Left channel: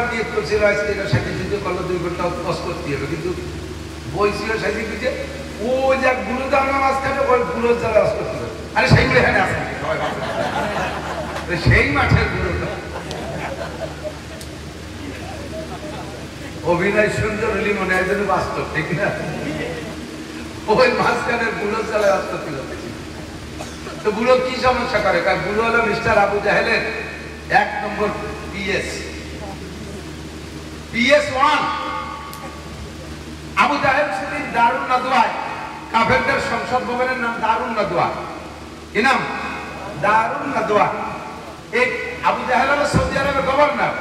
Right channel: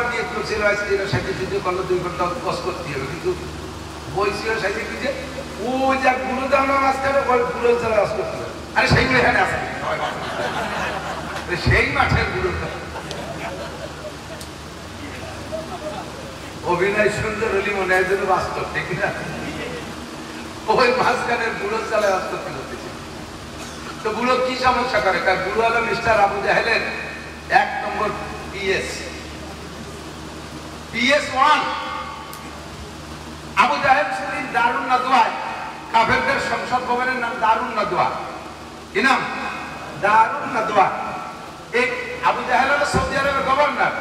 পড়ার নিয়ে করছিল আজকে এরা সাথে যুদ্ধ করলে 2 ঘন্টা কষ্ট করতে হবে, কিন্তু বই ছিল সাথে কি যে ও যা গুলো জানা মাঝখানে ওই গুলো জ্বালা আস করতে হবে। আরে সেইগুলো এখানে আসবে সেই মাঠের গুলোটা অভিনয় সুন্দর হলে মনে হয় যেন বাস্তব, ঠিক না? ওই মাঝখানের বুড়ো চালায় অস্তি করতেছি। তো বুড়ো কি সমস্যা করে? কারণ বুড়ো হলো মিস্টার আবু জাহেলের 1 নম্বর PS1। আবু জাহেল শুধু দারুন নাদওয়ায়, কাফেরদের সংসদ ভবনের নাম দারুন নাদওয়া। কি নাম? দারুন নাদওয়া। এই আবু জাহেল হলো সৌদি আরবের গভর্নর।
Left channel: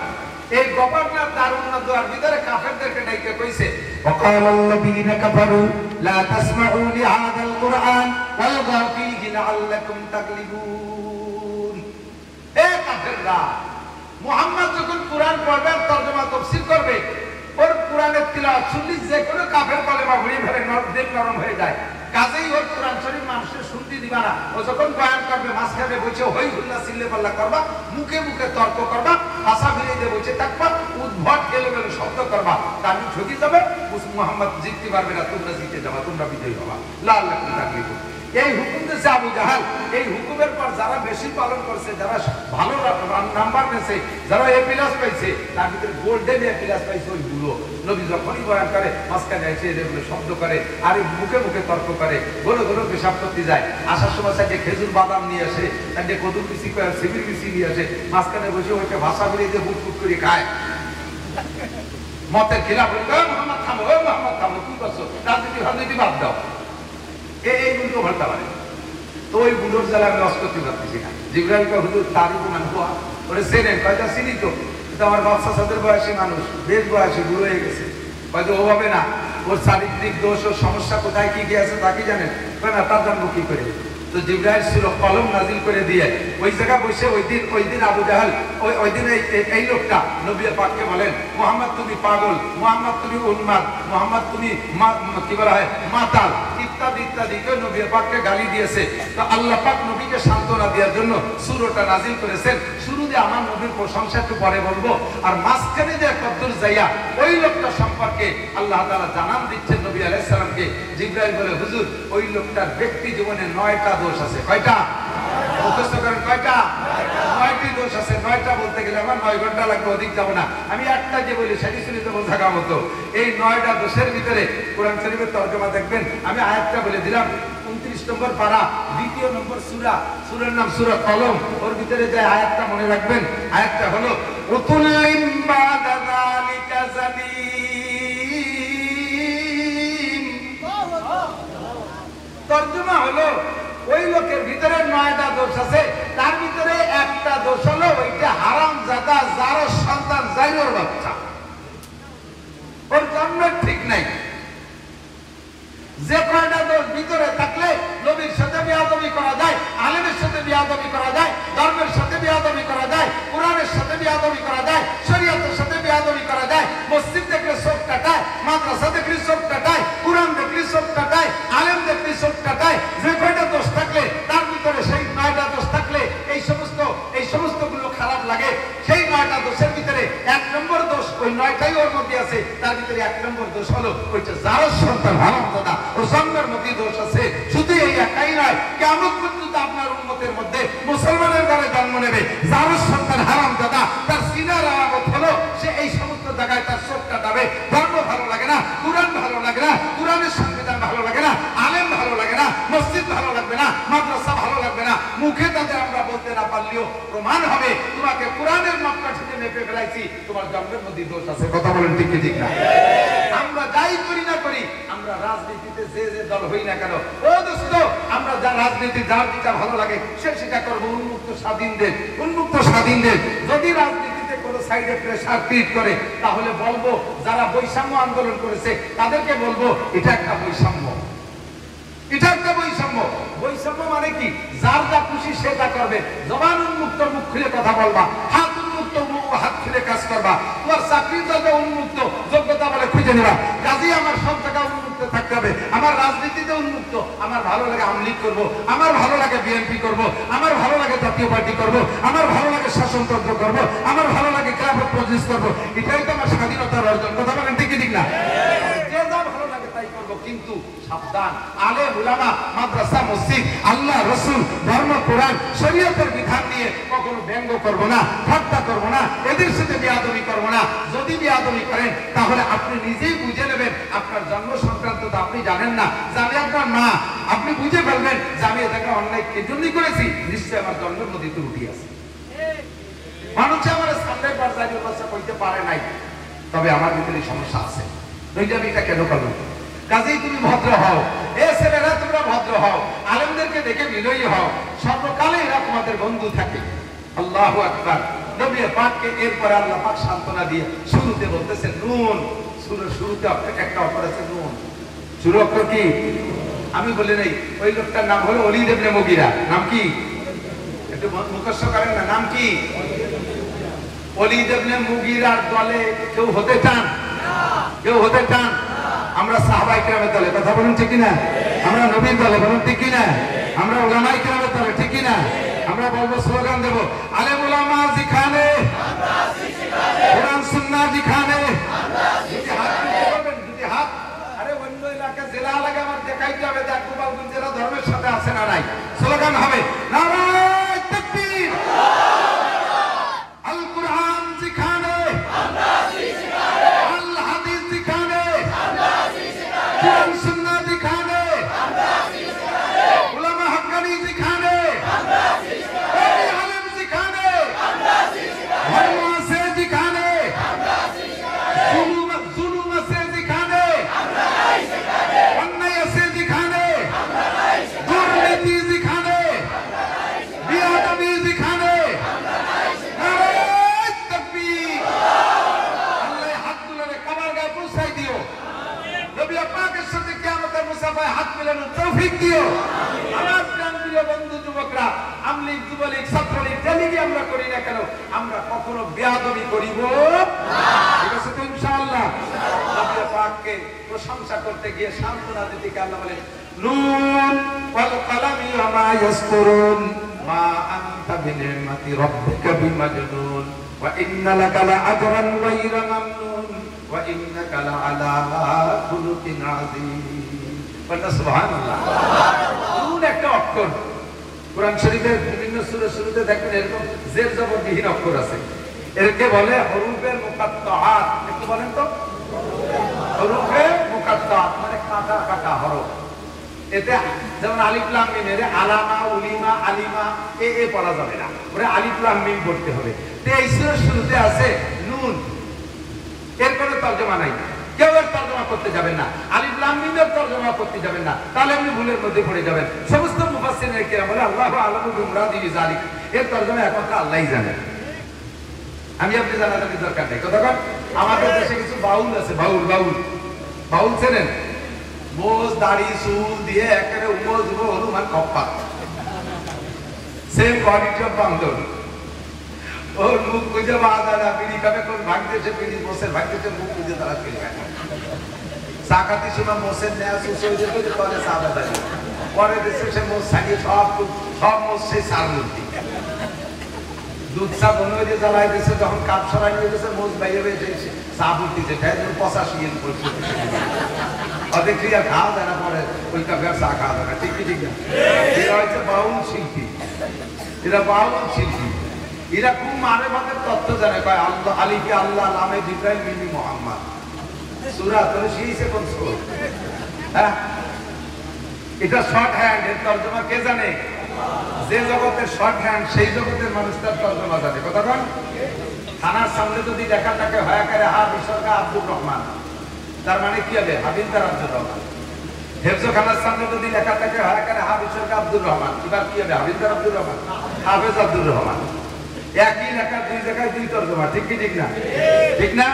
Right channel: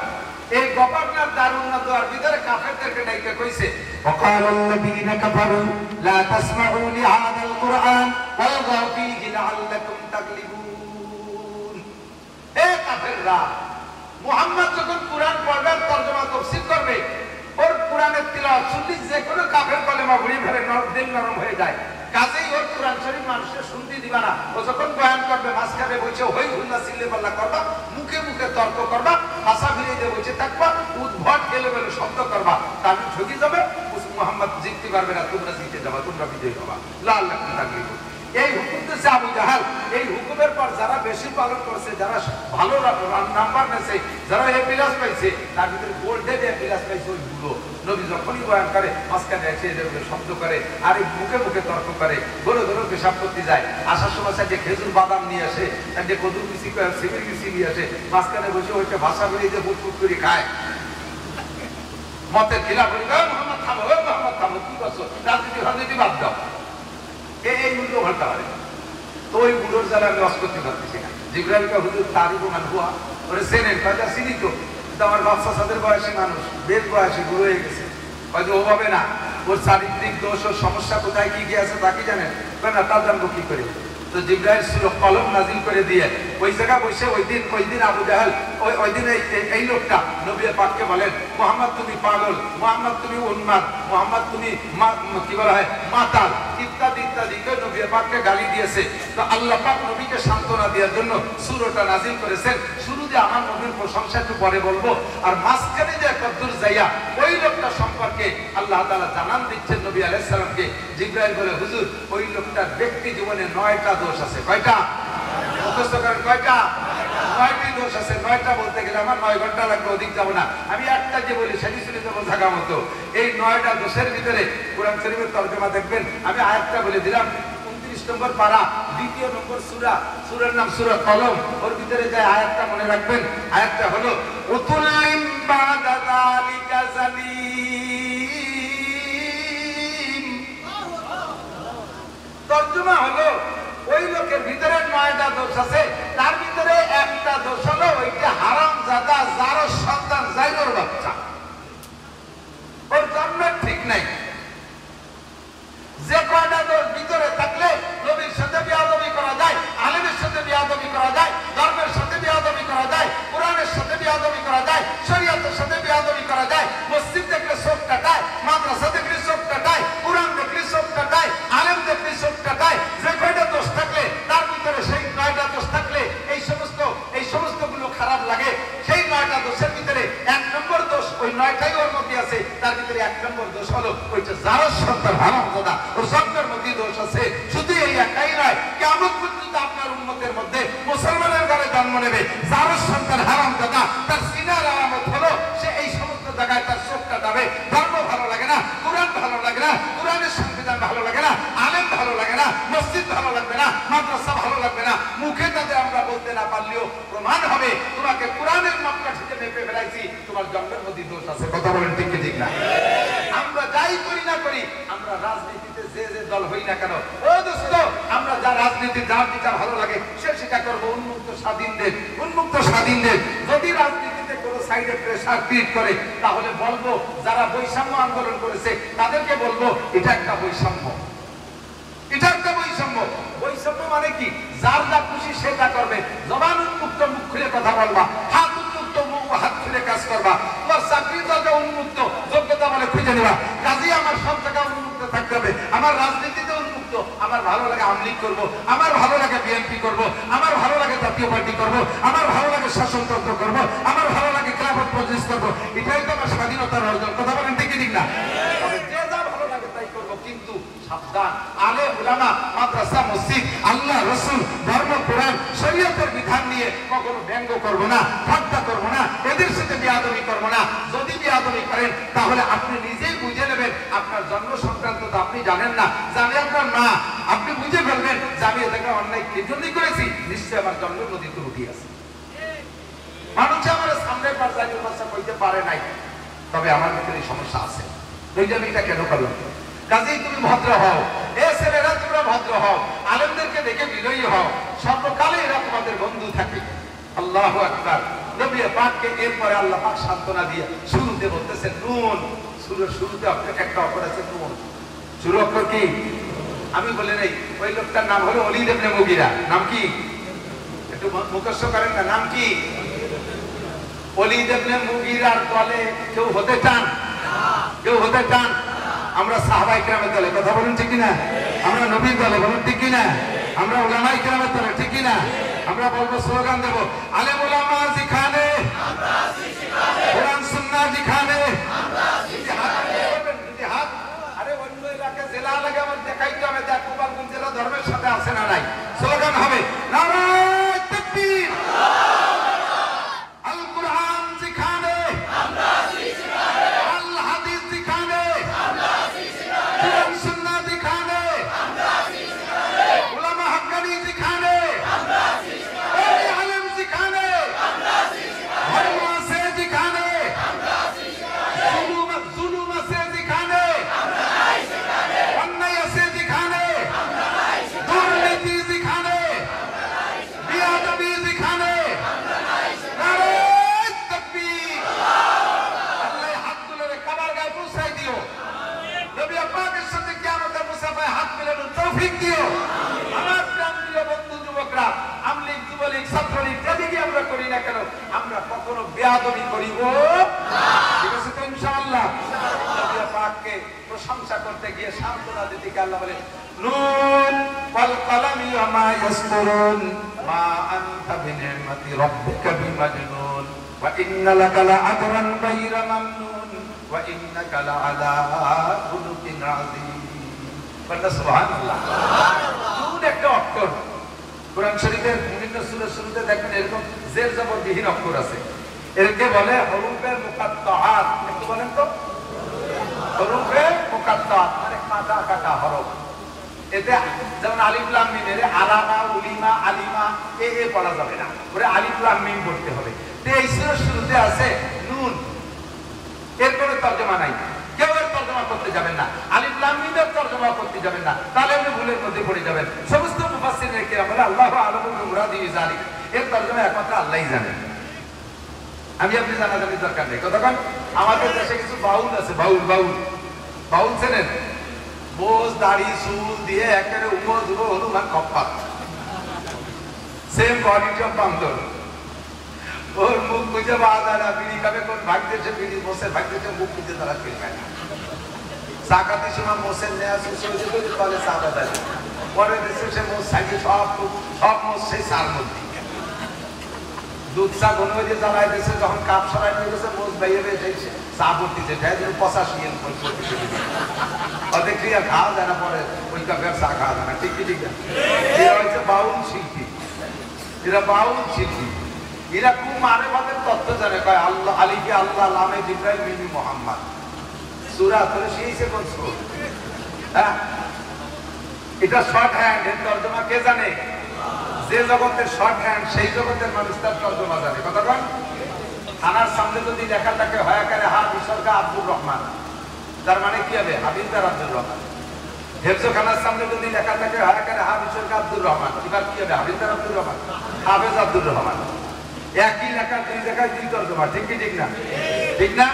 এই গভর্নর দারুন নাদওয়ার ভিতরে কাফেরদেরকে ডাইকে কইছে, ওয়াকালাল্লাযীনা কাফারু লা তাসমাউ লিহাযাল কুরআন ওয়ালগাউ ফীহি লাআল্লাকুম তাগলিবুন। এই কাফেররা মুহাম্মদ যখন কুরআন পড়বে, তরজমা তাফসীর করবে, ওর কুরআনের তিলাওয়াত শুনলে যে কোনো কাফের কলেমা ঘুরে ধরে নরম হয়ে যায়। কাজেই ওর কুরআন শরীফ মানুষের শুনতে দিবা না। ও যখন বয়ান করবে মাঝখানে বসে হই হুল্লা চিল্লে পাল্লা করবা, মুখে মুখে তর্ক করবা, ভাষা ফিরিয়ে দিয়ে বসে থাকবা, উদ্ভট এলোমেলো শব্দ করবা, তার ঠকে যাবে। মুহাম্মদ জিততে পারবে না, তোমরা জিতে যাবা, তোমরা বিজয়ী হবা। লাআল্লাকুম তাগলিবুন। এই হুকুম দিয়েছে আবু জাহেল। এই হুকুমের পর যারা বেশি পালন করছে, যারা ভালো নাম্বার পেয়েছে, যারা এ প্লাস পাইছে, তার ভিতরে গোল্ডেন এ প্লাস পাইছে ওই গুলো। নবী যখনই বয়ান করে মাঝখানে এসে যেগুলো শব্দ করে আর এই মুখে মুখে তর্ক করে, গরো গরো পেশাব করতে যায়, আসার সময় সাইডে খেজুর বাদাম নিয়ে আসে, সাইডে কদুর বিচি করে সিবির বিচি নিয়ে আসে, মাঝখানে বসে বসে ভাষা বেরিয়ে যে বুক বুক করে খায়। মতের খিলাফ মোহাম্মদ থামো, মোহাম্মদ থামো, কি করছো? রাজনীতি রাজনীতি বাদ দাও। এই উল্টো পাল্টা পারে। তো ওই গুলোর জ্বালা আমি লস করতে পারতেছি না। জিব্রাইলকে হুজুর তারিফ মানহুয়া ওরে চেনেন? কয়টা চিনি তো, কিন্তু আমার বাচ্চা সাদের বয়সী মানুষ, বেশ বয়সী, বুড়ো হয়ে গেছে, হয়তো ও হবে না। ওর চারিত্রিক দোষ ও সমস্যা কোথায় কি আছে তা কি জানেন না? তার জানবো কি করে? তো জিব্রাইল সূরা কলম নাজিল করে দিয়ে ওই জায়গায় বসে ওই দিন আবু জাহেল ওই দিন এই লোকটা নবী পাককে বলেন, মুহাম্মদ তুমি পাগল, মুহাম্মদ তুমি উন্মাদ, মুহাম্মদ তুমি কি বলা হয় মাতাল, ইত্যাদি ইত্যাদি কেউ নবী পাককে গালি দিয়েছে। তো আল্লাহ পাক নবীকে সান্ত্বনা দেওয়ার জন্য সূরাটা নাজিল করেছেন। শুরুতে আমার নবীর প্রশংসা একটু পরে বলবো, আর মাঝখানে যে কদ্দুর যাইয়া ওই লোকটা সম্পর্কে আল্লাহ তাআলা জানান দিচ্ছেন নবী আলাইহিস সালামকে। জিব্রাইল বলে, হুজুর ওই লোকটার ব্যক্তি জীবনে 9টা দোষ আছে। কয়টা? মুখস্থ করেন, কয়টা? 9টি দোষ আছে। 9টা বলতে গেলে আমার 9 ঘন্টা লাগবে, অধিক যাবো না। আমি একটা যে বলি সেটি শুনে তো বোঝা মতো। এই 9টা দোষের ভিতরে কোরআন শরীফের তরজমা দেখবেন, আমি আয়াতটা বলে দিলাম। 29 নম্বর পারা, 2 নম্বর সূরা, সূরার নাম সূরা কলম। ওর ভিতরে যে আয়াতটা মনে রাখবেন, আয়াতটা হলো উতুল্লিম বাদা যালিকা জালিম। তরজমা হলো ওই লোকের ভিতরে 9টা দোষ আছে, তার ভিতরে একটা দোষ হলো ওইটা হারামজাদা, যার সন্তান, জাইরুর বাচ্চা। ওর জন্ম ঠিক নাই। যে কয়টা দোষ ভিতরে থাকলে নবীর সাথে বিয়াদবি করা যায়, আলেমের সাথে বিয়াদবি করা যায়, ধর্মের সাথে বিয়াদবি করা যায়, কোরআনের সাথে বিয়াদবি করা যায়, শরীয়তের সাথে বিয়াদবি করা যায়, মসজিদ দেখলে চোখ কাটায়, মাদ্রাসা দেখলে চোখ কাটায়, কোরআন দেখলে চোখ কাটায়, আলেম দেখলে চোখ কাটায়। যে কয়টা দোষ থাকলে তার ভিতরে সেই 9টা দোষ থাকলে এই সমস্ত গুলো খারাপ লাগে। সেই 9টা দোষের ভিতরে 1 নম্বর দোষ, ওই 9টাই ওর মধ্যে আছে। তার ভিতরে 1 নম্বর দোষ হলো ওইটা যার সন্তান হারামজাদা, ওর জন্মের মধ্যে দোষ আছে। শুধু এই একাই নয়, কিয়ামত পর্যন্ত আপনার উম্মতের মধ্যে মুসলমানের ঘরে জন্ম নেবে যার সন্তান হারামজাদা, তার সিনার আলামত হলো সে এই সমস্ত জায়গায় তার চোখ কাটাবে। ধর্ম ভালো লাগে না, কোরআন ভালো লাগে না, কোরআনের সংবিধান ভালো লাগে না, আলেম ভালো লাগে না, মসজিদ ভালো লাগবে না, মাদ্রাসা ভালো লাগবে না। মুখে তাতে আমরা বলতে না পারলেও প্রমাণ হবে তোমাকে কোরআনের মাপকাঠিতে মেপে ফেলাইছি, তোমার জন্মের মধ্যে দোষ আছে। কথা বলেন ঠিক কি ঠিক না? আমরা যাই করি না করি, আমরা রাজনীতিতে যে দল হই না কেন, ও দোস্ত, আমরা যা রাজনীতি যার যেটা ভালো লাগে সে সেটা করবো। উন্মুক্ত স্বাধীনদের, উন্মুক্ত স্বাধীনদের। যদি রাজনীতিতে কোনো সাইডে প্রেসার ক্রিয়েট করে, তাহলে বলবো যারা বৈষম্য আন্দোলন করেছে তাদেরকে বলবো এটা একটা বৈষম্য, এটা একটা বৈষম্য। বৈষম্য মানে কি? যার যা খুশি সেটা করবে। জবান উন্মুক্ত, মুখ খুলে কথা বলবা, হাত উন্মুক্ত, হাত খুলে কাজ করবা। তোমার চাকরির দরজা উন্মুক্ত, যোগ্যতা বলে খুঁজে নিবা। কাজেই আমার সব জায়গা উন্মুক্ত থাকবে। থাকতে হবে। আমার রাজনীতিতে উন্মুক্ত, আমার ভালো লাগে আওয়ামী লীগ করবো, আমার ভালো লাগে বিএনপি করবো, আমার ভালো লাগে জাতীয় পার্টি করবো, আমার ভালো লাগে শাসনতন্ত্র করবো, আমার ভালো লাগে খেলাফত মজলিস করবো। এটাই তো আমার স্বাধীনতার অর্জন। কথা বলেন ঠিক ঠিক না? যে যা ভালো লাগে তাই করবো, কিন্তু সাবধান, আলেম উলামা, মাদ্রাসা, মসজিদ, আল্লাহ, রসুল, ধর্ম, কোরআন, শরীয়তের বিধান নিয়ে কখনো ব্যঙ্গ করবো না, ঠাট্টা করবো না, এদের সাথে বিয়াদবি করবো না। যদি বিয়াদবি করেন তাহলে আপনি নিজেই বুঝে নেবেন আপনার জন্ম সংক্রান্ত তো আপনি জানেন না, জানে আপনার মা। আপনি বুঝে ফেলবেন যে আমি এটাকে অন্যায় কে জন্যই করেছি, নিশ্চয়ই আমার জন্মের মধ্যে ত্রুটি আছে। মানুষ আমার সামনের পর্যায়ে কথা বলতে পারে নাই, তবে আমার ভিতরে সমস্যা আছে। আমি এটা কেন করলাম? কাজেই তুমি ভদ্র হও, এ ছেলেরা তোমরা ভদ্র হও, আলেমদেরকে দেখে বিনয়ী হও, সর্বকালে এরা তোমাদের বন্ধু থাকে। আল্লাহু আকবার। নবী পাককে এরপরে আল্লাহ পাক সান্ত্বনা দিয়ে শুরুতে বলতেছেন নুন। শুরুতে একটা অক্ষর আছে নুন। শুরু অক্ষর কি? আমি বলে নেই, ওই লোকটার নাম হলো ওলীদ ইবনে মুগীরা। নাম কি? একটু মুখস্থ করেন না, নাম কি? ওলীদ ইবনে মুগীরার দলে কেউ হতে চান? কেউ হতে চান? আমরা সাহাবায়ে কেরামের দলে, কথা বলুন ঠিক কিনা? আমরা নবীর দলে, বলুন ঠিক কিনা? আমরা উলামায়ে কেরামের দলে, ঠিক কিনা? আমরা বলবো, স্লোগান দেব, আলেম উলামা জিখানে, কোরআন সুন্নাহ জিখানে। যদি হাত করবেন, যদি হাত, আরে অন্য এলাকা জেলা লাগে আমার দেখাইতে হবে যে গোপালগঞ্জ জেলা ধর্মের সাথে আছে না নাই। স্লোগান হবে নারায়ে তাকবীর, আল কোরআন জিখানে, আল হাদিস জিখানে, কোরআন সুন্নাহ জিখানে, উলামা হক্কানি জিখানে, আলেম জিখানে, ধর্ম আছে জিখানে, জুলুম আছে জিখানে, অন্যায় আছে জিখানে, দুর্নীতি জিখানে, বিয়াদবি জিখানে, নারায়ে তাকবীর। আল্লাহ হাত তুলে কাবার গায়ে পৌঁছাই দিও। নবী পাকের সাথে কিয়ামতের মুসাফায় হাত মেলানোর তৌফিক দিও। আমার প্রাণপ্রিয় বন্ধু যুবকরা, আমলিগ, যুবলীগ, ছাত্রলীগ, যেদিকে আমরা করি না কেন, আমরা কখনো বেয়াদবি করিব না। ঠিক আছে তো ইনশাআল্লাহ? নবী পাককে প্রশংসা করতে গিয়ে সান্ত্বনা দিতে গিয়ে আল্লাহ বলেন নুন ওয়াল কলামি ওয়া মা ইয়াসতুরুন মা আনতা বিনি'মাতি রাব্বিকা বিমাজনুন ওয়া ইন্না লাকা লাআজরান গায়রা মামনুন ওয়া ইন্নাকা লাআলা খুলুকিন আযীম। বলনা সুবহানাল্লাহ। নুন একটা অক্ষর। কোরআন শরীফের বিভিন্ন সূরা শুরুতে দেখবেন এরকম জের জবর বিহীন অক্ষর আছে। এরকে বলে হরুফে মুকাত্তাআত। একটু বলেন তো, হরুফে মুকাত্তাআত মানে কাটা কাটা হরফ। এতে যেমন আলিফ লাম মিম, এর আলামা, উলিমা, আলিমা এ পড়া যাবে না, ওরে আলিফ লাম মিম পড়তে হবে। তো এই সূরার শুরুতে আছে নুন, এর কোনো তরজমা নাই, কেউ এর তরজমা করতে যাবেন না, আলিফ লাম মিমের তরজমা করতে যাবেন না, তাহলে আপনি ভুলের মধ্যে পড়ে যাবেন। সমস্ত মুফাসসিরিনে কেরাম বলে আল্লাহু আ'লামু বিমুরাদি বিযালিক, এর তরজমা একমাত্র আল্লাহই জানেন। আমি আপনি জানাজানির দরকার নেই। কথা কন, আমাদের দেশে কিছু বাউল আছে, বাউল বাউল বাউল ছিলেন, মোজ দাড়ি চুল দিয়ে একেবারে উপযুব হনুমান কপ্পাত, সেম কোয়ালিটি অফ বান্দর। ওর মুখ বুঝে বাজারা বিড়ি খাবে, কোন ভাগতেছে বিড়ি, মোসের ভাগতেছে মুখ বুঝে তারা ফিরবে। সাকাতি সময় মোসের নেয়া সুসে হয়ে যেতে পারে সাবাদারি, পরে দেশে সে মোস ছাড়িয়ে সব মোস সেই সার মধ্যে দুধ চা বনে জ্বালাই দিয়েছে, যখন কাপ সরাই নিয়ে গেছে মোজ বাইরে বেয়ে চা ভর্তিতে খাই, যেন 85 করছে তাদের ক্রিয়া খাওয়া যায় না, পরে ওই কাপের চা খাওয়া যায় না। ঠিক কি ঠিক না? এরা হচ্ছে বাউল শিল্পী, এরা বাউল শিল্পী, এরা খুব মানে ভাবের তথ্য জানে। কয় আল্লাহ আলিফে আল্লাহ, লামে জিব্রাইল, মিমি মুহাম্মদ, সূরা তোরে শিইছে কোন সূরা? হ্যাঁ, এটা শর্ট হ্যান্ড, এর তরজমা কে জানে? যে জগতের শর্ট হ্যান্ড সেই জগতের মানুষ তার তরজমা জানে। কথা বল, থানার সামনে যদি লেখা থাকে হয় করে হা বিসর্গা আব্দুর রহমান, তার মানে কি হবে? হাবিলদার আব্দুর রহমান। হেফজখানার সামনে যদি লেখা থাকে হয় করে হা বিসর্গা আব্দুর রহমান, এবার কি হবে? হাবিলদার আব্দুর রহমান, হাফেজ আব্দুর রহমান। একই লেখা দুই জায়গায় দুই তরজমা। ঠিক কি ঠিক না? ঠিক না?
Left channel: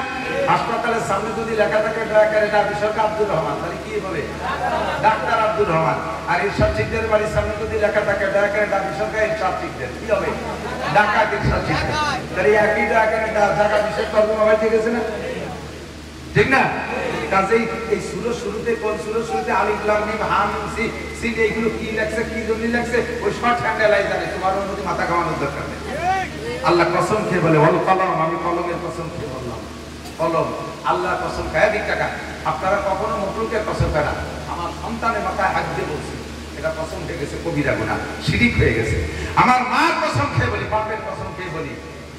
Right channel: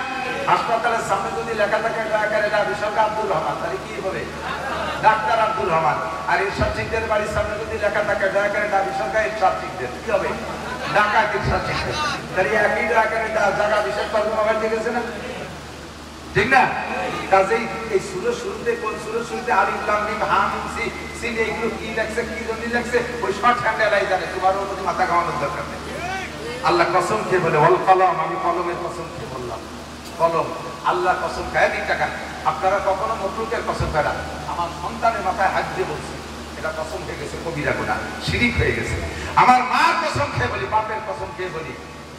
হাসপাতালের সামনে যদি লেখা থাকে দয়া করে না বিসর্গা আব্দুর রহমান, তাহলে কি বলে? ডাক্তার আব্দুর রহমান। আর ইরশাদ শিকদারের বাড়ির সামনে যদি লেখা থাকে দয়া করে না বিসর্গা ইরশাদ শিকদার, কি হবে? ডাকাত ইরশাদ শিকদার। তাহলে একই দয়া করে জায়গা বিশেষ তরজমা হয়, ঠিক আছে না? ঠিক না? কাজেই এই সূরার শুরুতে কোন সূরার শুরুতে আলিফ লাম মিম হা মিম সিন এগুলো কি লেখছে কি জন্য লেখছে ওই শর্ট হ্যান্ডেলাই জানে, তোমার মধ্যে মাথা কামানোর দরকার নেই। আল্লাহ কসম খেয়ে বলে ওয়াল কলম, আমি কলমের কসম খেয়ে বললাম, কলম আল্লাহ কসম খায়। দিক টাকা আপনারা কখনো মখলুকের কসম করা, আমার সন্তানের মাথায় হাত দিয়ে বলছি, এটা কসম হয়ে গেছে কবিরা গুনাহ, শিরিক হয়ে গেছে। আমার মার কসম খেয়ে বলি, বাপের কসম খেয়ে বলি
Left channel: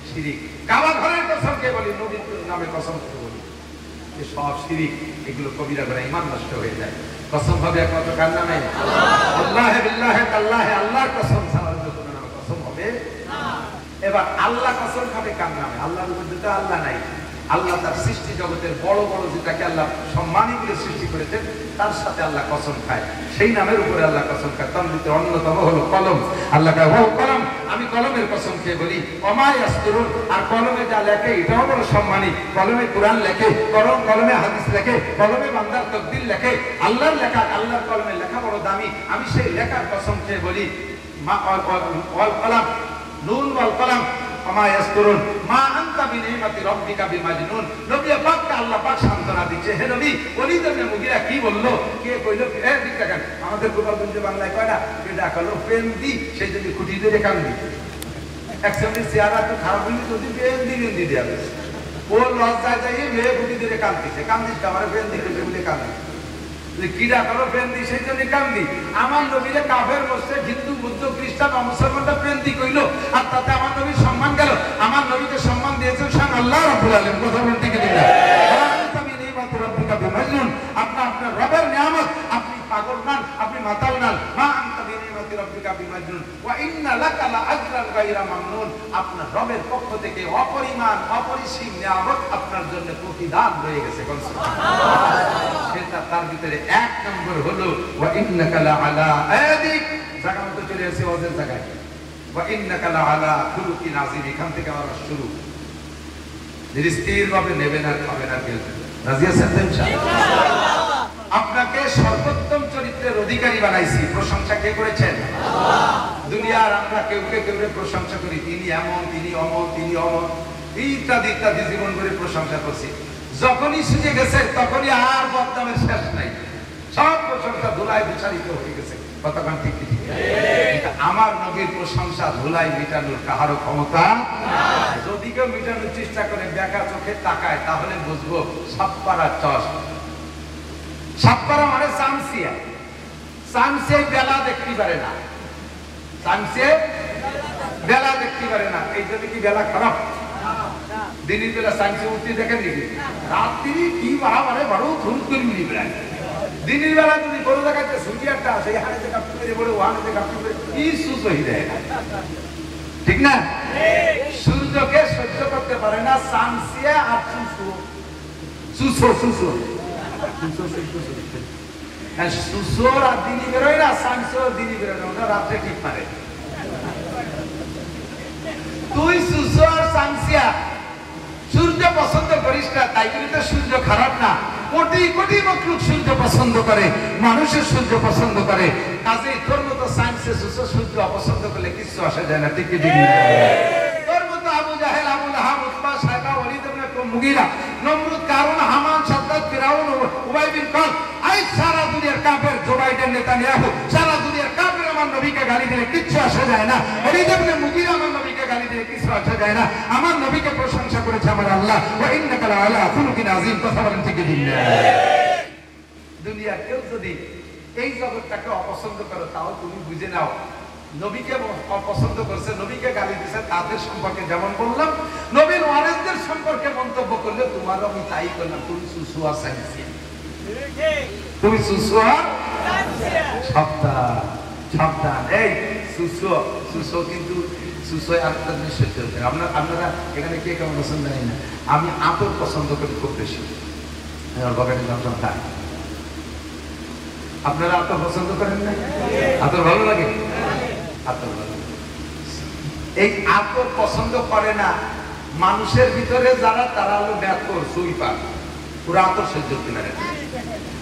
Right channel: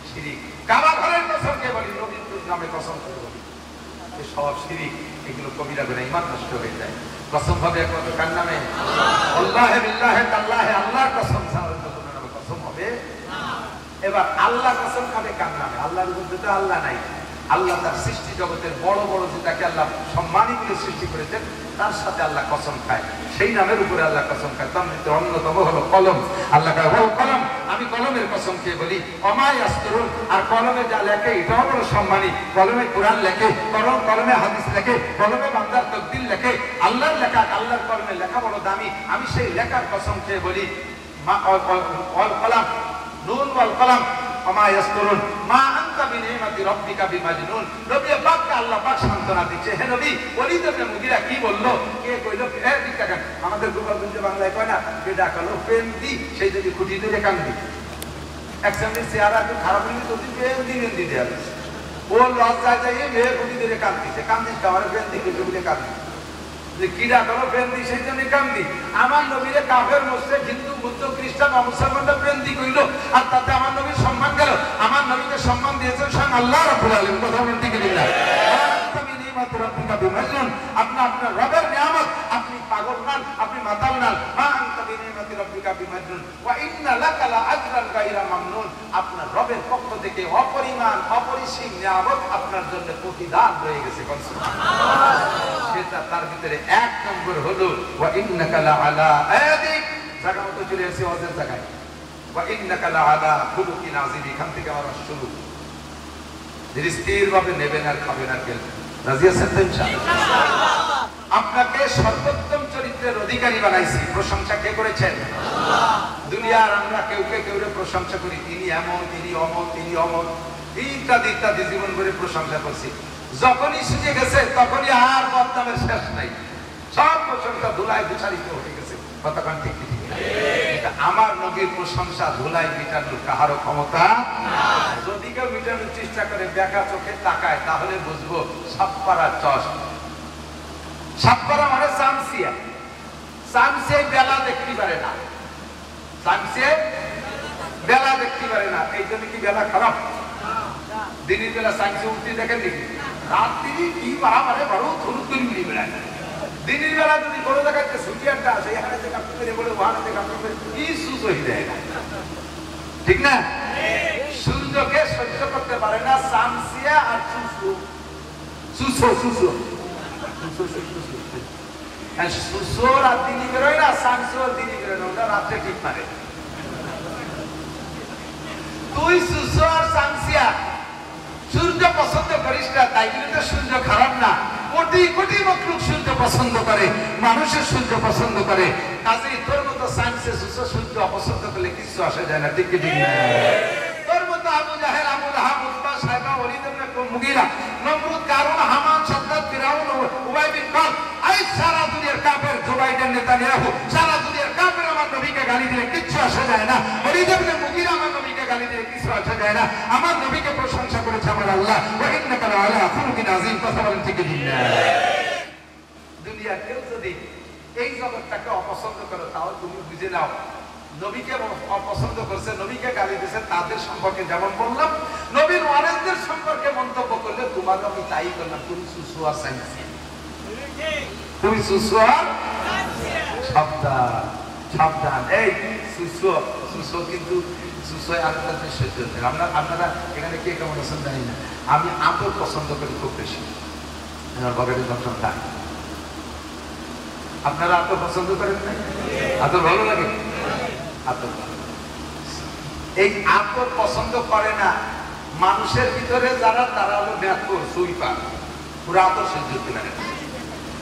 শিরিক, কাবা ঘরের কসম খেয়ে বলি, নবীর নামে কসম খেয়ে বলি, এই সব শিরিক, এগুলো কবিরা গুনাহ, ঈমান নষ্ট হয়ে যায়। কসম হবে একমাত্র কার নামে? আল্লাহে বিল্লাহে তাল্লাহে, আল্লাহর কসম ছাড়া অন্য কোনো নামে কসম হবে না। এবার আল্লাহ কসম খাবে কার নামে? আল্লাহর মধ্যে তো আল্লাহ নাই। আল্লাহ তার সৃষ্টি জগতের বড় বড় যেটাকে আল্লাহ সম্মানিত সৃষ্টি করেছেন তার সাথে আল্লাহ কসম খায়, সেই নামের উপরে আল্লাহ কসম খায়। তার ভিতরে অন্যতম হলো কলম। আল্লাহ কয় ওয়াল কলম, আমি কলমের কসম খেয়ে বলি, ওমা ইয়াসতুরুন, আর কলমে যা লেখে এটাও বড় সম্মানী। কলমে কোরআন লেখে, কলমে হাদিস লেখে, কলমে বান্দার তাকদীর লেখে, আল্লাহর লেখা, আল্লাহর কলমে লেখা বড় দামি। আমি সেই লেখার কসম খেয়ে বলি, ওয়াল কলম, নুন ওয়াল কলম ওমা ইয়াসতুরুন মা আনতা বিনিমাতি রাব্বিকা বিমাজনুন। নবী পাককে আল্লাহ পাক সান্তনা দিচ্ছে, হে নবী ওলীদ ইবনে মুগীরা কি বললো, কে কইলো, দিক দেখেন আমাদের গোপালগঞ্জে বাংলায় কয় না, এটা কলো প্রেম দি, সেই যদি খুঁটি ধরে কান্দি, একসাথে চেহারা একটু খারাপ হইলে যদি প্রেম দি দেয়া গেছে, ও লজ্জায় যাই মেয়ে খুঁটি ধরে কান্দিছে, কান্দিস আমার প্রেম দিকে বলে কান্দি, কিরা কলো প্রেম দি সেই জন্য কান্দি। আমার নবীরে কাফের মুশরিক হিন্দু বৌদ্ধ খ্রিস্টান মুসলমানরা প্রেম দি কইলো, আর তাতে আমার নবীর সম্মান গেল। আমার নবীকে সম্মান দিয়েছেন স্বয়ং আল্লাহ রাব্বুল আলামিন। কথা বলতে কি দিনা আপনার রবের নিয়ামত, আপনি পাগল নান, আপনি মাতাল নান। মা আনতা বিনিমাতি রাব্বিকা বিমাজনুন ওয়া ইন্না লাকা লাআজরান গায়রা মামনুন। আপনার রবের পক্ষ থেকে অপরিমাণ অপরিসীম নিয়ামত আপনার জন্য প্রতিদান রয়ে গেছে। সুবহানাল্লাহ। সেটা তার ভিতরে এক নম্বর হলো ওয়া ইন্নাকা লাআলা আদিক, জায়গা মতো চলে আসি ওদের জায়গায়, ওয়া ইন্নাকা লাআলা খুলুকিন আযীম। এখান থেকে আবার শুরু, স্থির ভাবে নেবেন আর খাবেন আর খেলবেন। রাজি আছেন তো ইনশাআল্লাহ? আপনাকে সর্বোত্তম চরিত্রের অধিকারী বানাইছি। প্রশংসা কে করেছেন? আল্লাহ। দুনিয়ার আমরা কেউ প্রশংসা করি, তিনি এমন, তিনি অমর, তিনি অমর, ইত্যাদি ইত্যাদি জীবন ভরে প্রশংসা করছি। যখনই সুযোগ গেছে তখনই আর বদনামের শেষ নাই, সব প্রশংসা ধুলায় বিচারিত হয়ে গেছে। কতক্ষণ ঠিক ঠিক? আমার নবীর প্রশংসা ধুলাই মেটানোর কাহারও ক্ষমতা নাই। যদি কেউ মেটানোর চেষ্টা করে বেকা চোখে তাকায় তাহলে বুঝবো সাপ্পারা চস। সাপ্পারা মানে চামচিয়া, চামচিয়া বেলা দেখতে পারে না, চামচিয়া বেলা দেখতে পারে না। এই জন্য কি বেলা খারাপ? দিনের বেলা চামচিয়া উঠতে দেখেন নাকি? রাত্রি কি মারামারে বড় থুর তুলবি বেড়ায়। দিনের বেলা যদি কোনো জায়গায় সুরিয়ারটা আসে, এখানে যে কাপড় করে বলে ওখানে যে কাপড় করে কি সুসই দেয়, ঠিক না? সূর্যকে সহ্য করতে পারে না চামচিয়া আর সুসু, সুসু সুসু সুসুর আর দিনই বেরোয় না, চামচিয়ার দিনই বেরোয়, ওটা রাত্রে ঠিক মারে। তুই সুসু আর চামচিয়া সূর্য পছন্দ করিস না, তাই বলে তো সূর্য খারাপ না। কোটি কোটি মখলুক সূর্য পছন্দ করে, মানুষের সূর্য পছন্দ করে। কাজেই তোর মতো সায়েন্সে সূর্য অপছন্দ করলে কিছু আসে যায় না, ঠিক কি ঠিক না? তোর মতো আবু জাহেল, আবু লাহাব, উতবা, সাইবা, ওলীদ ইবনে মুগীরা, নমরুদ, কারুন, হামান, সাদ্দাত, ফিরাউন, উবাই বিন কাব, এই সারা দুনিয়ার কাফের, জো বাইডেন, নেতানিয়াহু, সারা দুনিয়ার কাফের আমার নবীকে গালি দিলে কিচ্ছু আসে যায় না। ওলীদ ইবনে মুগীরা আমার নবীকে গালি দিলে কিছু আসে যায় না। আমার নবীকে প্রশংসা করেছে আমার আল্লাহ, ওয়া ইন্নাকা লাআলা খুলুকিন আযীম। কথা বলেন ঠিক কি ঠিক না? দুনিয়ার কেউ যদি এই জগৎটাকে অপছন্দ করে তাও তুমি বুঝে নাও নবীকে অপছন্দ করছে, নবীকে গালি দিয়েছে। তাদের সম্পর্কে যেমন বললাম, নবীর ওয়ারিসদের সম্পর্কে মন্তব্য করলে তোমারও আমি তাই করলাম। তুমি সুসুয়া সাইন্সিয়া, তুমি সুসুয়া সাবধান সাবধান। এই সুসুয়া সুসুয়া কিন্তু সুসুয়া আরেকটা জিনিস সহ্য করতে হবে। আপনারা এখানে কে কেমন আছেন জানি না, আমি আতর পছন্দ করি খুব বেশি। আপনারা আতর পছন্দ করেন না? আতর ভালো লাগে? আতর ভালো। এই আতর পছন্দ করে না মানুষের ভিতরে যারা, তারা হলো ব্যাথর সুইপা, পুরো আতর সহ্য করতে পারে না।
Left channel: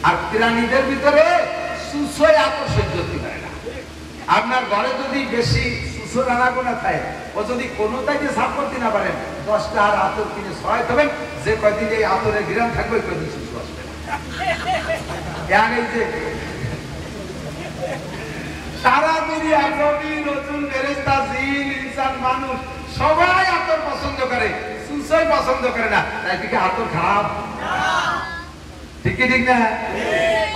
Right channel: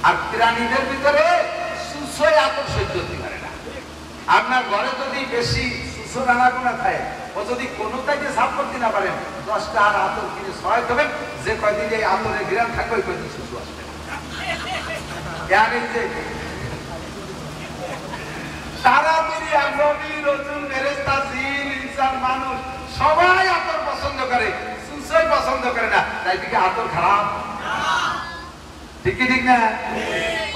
আর প্রাণীদের ভিতরে সুসই আতর সহ্য করতে পারে না। আপনার ঘরে যদি বেশি সুসো রান্না করে খায়, ও যদি কোনোটাকে সাপ করতে না পারেন, 10টা আর আতর কিনে ছড়াই দেবেন, যে কয়দিন এই আতরের ঘিরান থাকবে ওই কয়দিন সুস্থ আসবে না। সারা দুনিয়ার নবী, রাসূল, ফেরেশতা, জিন, ইনসান, মানুষ সবাই আতর পছন্দ করে, সুসই পছন্দ করে না। তাই কি আতর খারাপ? ঠিক কি ঠিক না?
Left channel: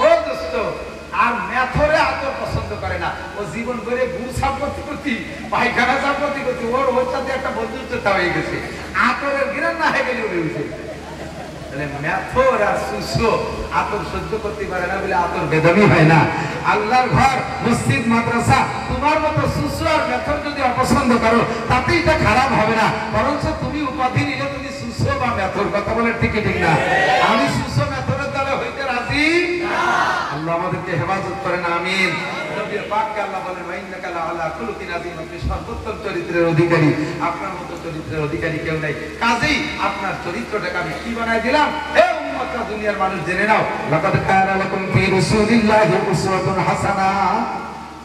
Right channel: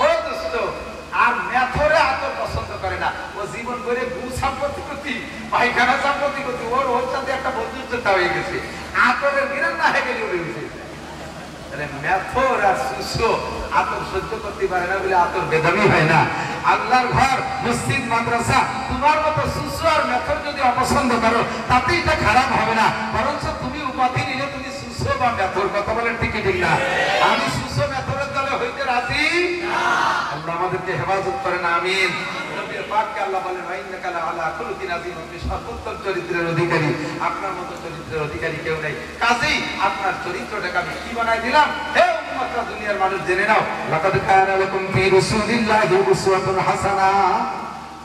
ও দোস্ত, আর মেথরে আতর পছন্দ করে না। ও জীবন করে গুরু সাম্প্রতি করতি, পায়খানা সাম্প্রতি করতি, ওর সাথে একটা বন্ধুত্বতা হয়ে গেছে। আতরের ঘিরান না হয়ে গেলে উড়ে উঠে যায়। মেথর আর সুসো আতর সহ্য করতে পারে না বলে আতর বেদমি হয় না। আল্লাহর ঘর, মসজিদ, মাদ্রাসা তোমার মতো সুসো আর মেথর যদি অপছন্দ করো তাতে এটা খারাপ হবে না, বরঞ্চ তুমি উপাধি নিলে তুমি সুসো বা মেথর। কথা বলে ঠিক ঠিক না? আমি সুসো মেথরের দলে হইতে রাজি। আল্লাহ আমাদেরকে হেফাজত করেন, আমিন। নবীর পাককে আল্লাহ বলেন ইন্নাকা লাআলা খুলুকিন আযীম, আপনি সর্বোত্তম চরিত্রের অধিকারী, আপনার মতো চরিত্রের অধিকারী কেউ নাই। কাজেই আপনার চরিত্রটাকে আমি কি বানাই দিলাম? হে উম্মতটা, দুনিয়ার মানুষ জেনে নাও, লাকাদ কানা লাকুম ফি রাসূলিল্লাহি উসওয়াতুন হাসানা,